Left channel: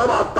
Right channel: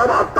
Sabah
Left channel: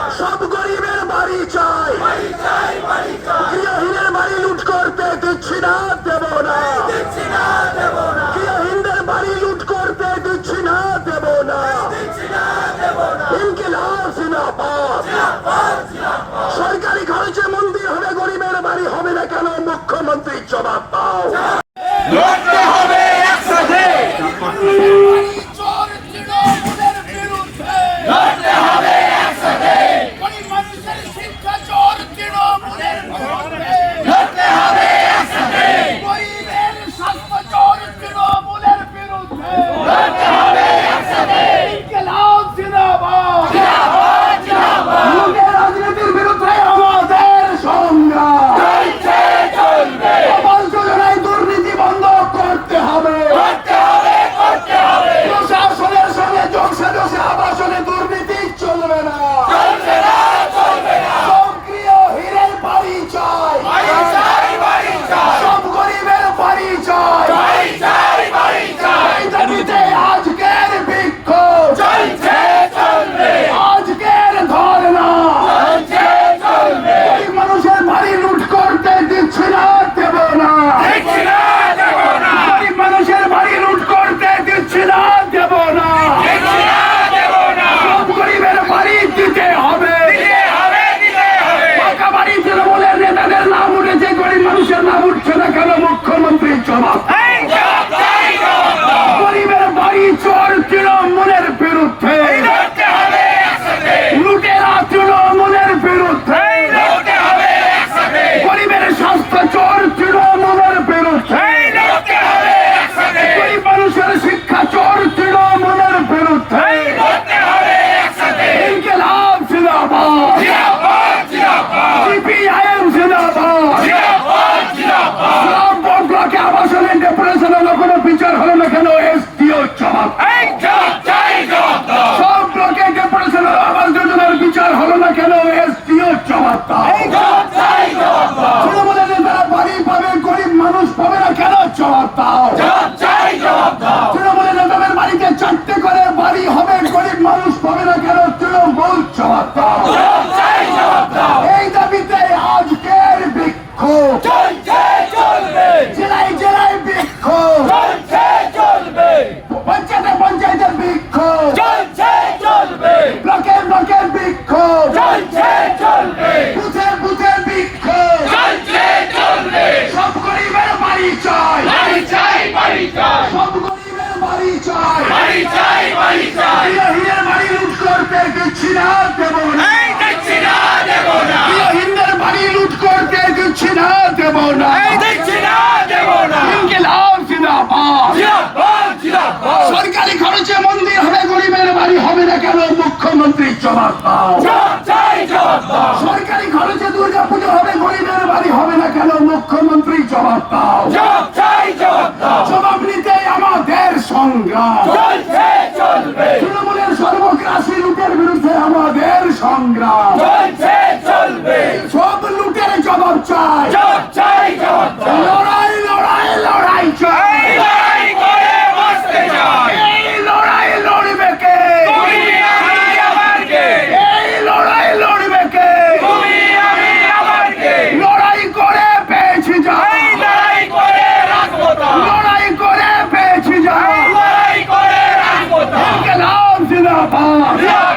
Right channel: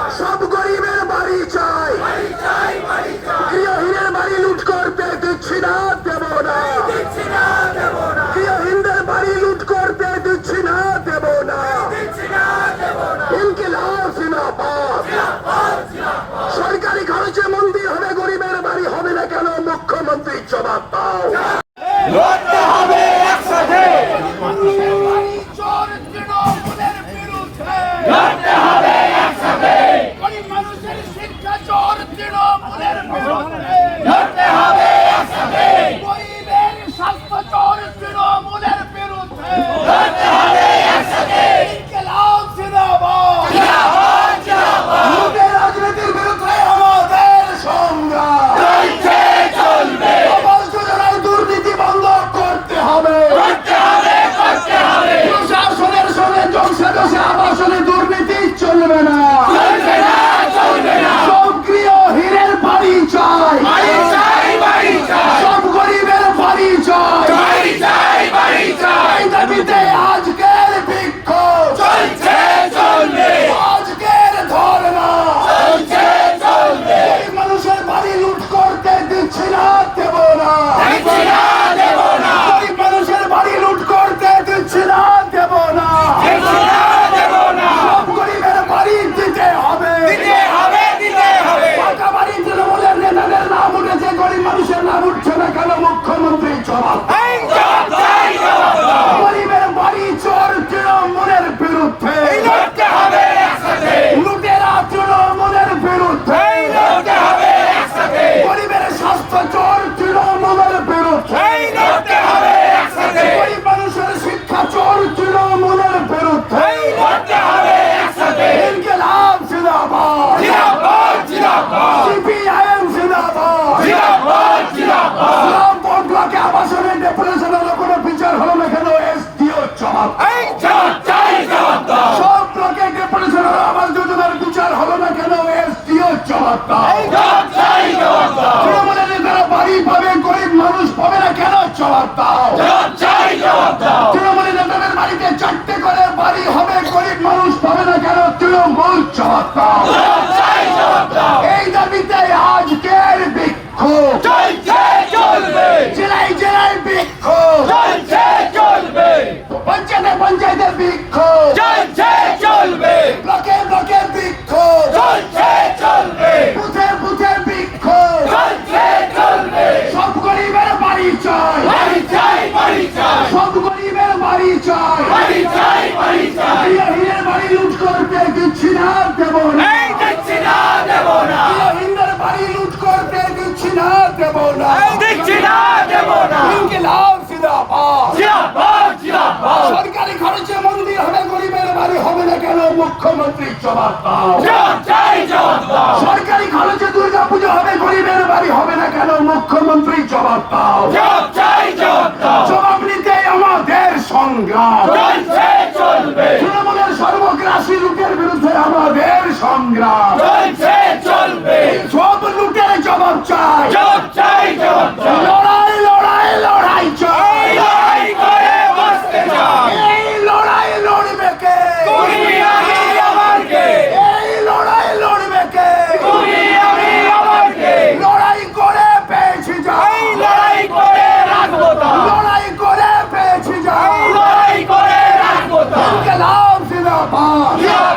না দেব না। হিন্দের বাড়ি লুট করতে দিচ্ছি না দেব না। ইনকিলাব জিন্দাবাদ সরকারি খরচে মন্দির হবে গরিবের বাড়ি হবে না কেন? মুখ্যমন্ত্রী জবাব দাও। বিচার হলো না কেন এসডিও জবাব সব ব্লকে আবাস যোজনার বিচার হলো না কেন এসডিও জবাব নেতারা বাড়ি পাবে গরিব মানুষ পাবে না কেন জবাব দাও? জবাব চাই জবাব দাও। তৃণমূলের নেতাদের বাড়িতে চারটে করে বাড়ি হবে গরিব মানুষ পাবে না কেন তৃণমূল জবাব দাও জবাব দাও। এই দাবিতে আজকের বিক্ষোভ চলছে চলবে জেলায় জেলায় বিক্ষোভ চলছে চলবে পঞ্চায়েতে পঞ্চায়েতের বিক্ষোভ। চলছে চলবে। ব্লকে ব্লকে বিক্ষোভ। চলছে চলবে। বুথে বুথে বিক্ষোভ। চলছে চলবে। সব গরিবের বাড়ি চাই। বাড়ি চাই বাড়ি চাই। সব গরিবের বাড়ি চাই। বাড়ি চাই বাড়ি চাই। হিরের বাড়ি লুট করতে দিচ্ছি না দেব না। এই দিচ্ছি না দেব না। হিন্দের বাড়ি লুট করতে দিচ্ছি না দেব না। এই দিচ্ছি না দেব না। ইনকিলাব জিন্দাবাদ জিন্দাবাদ। জিন্দাবাদ। সরকারি খরচে মন্দির হবে গরিবের বাড়ি হবে না কেন? মুখ্যমন্ত্রী জবাব দাও। সরকারি খরচে দুর্গা পুজো হবে গরিবের বাড়ি হবে না কেন? মুখ্যমন্ত্রী জবাব দাও। জবাব নিতে আমাদের সংগ্রাম। তৃণমূলের সর্বগ্রাসী লুটের বিরুদ্ধে আমাদের সংগ্রাম। সব লুটের জবাব চাই। জবাব চাই জবাব Europa! Yeah!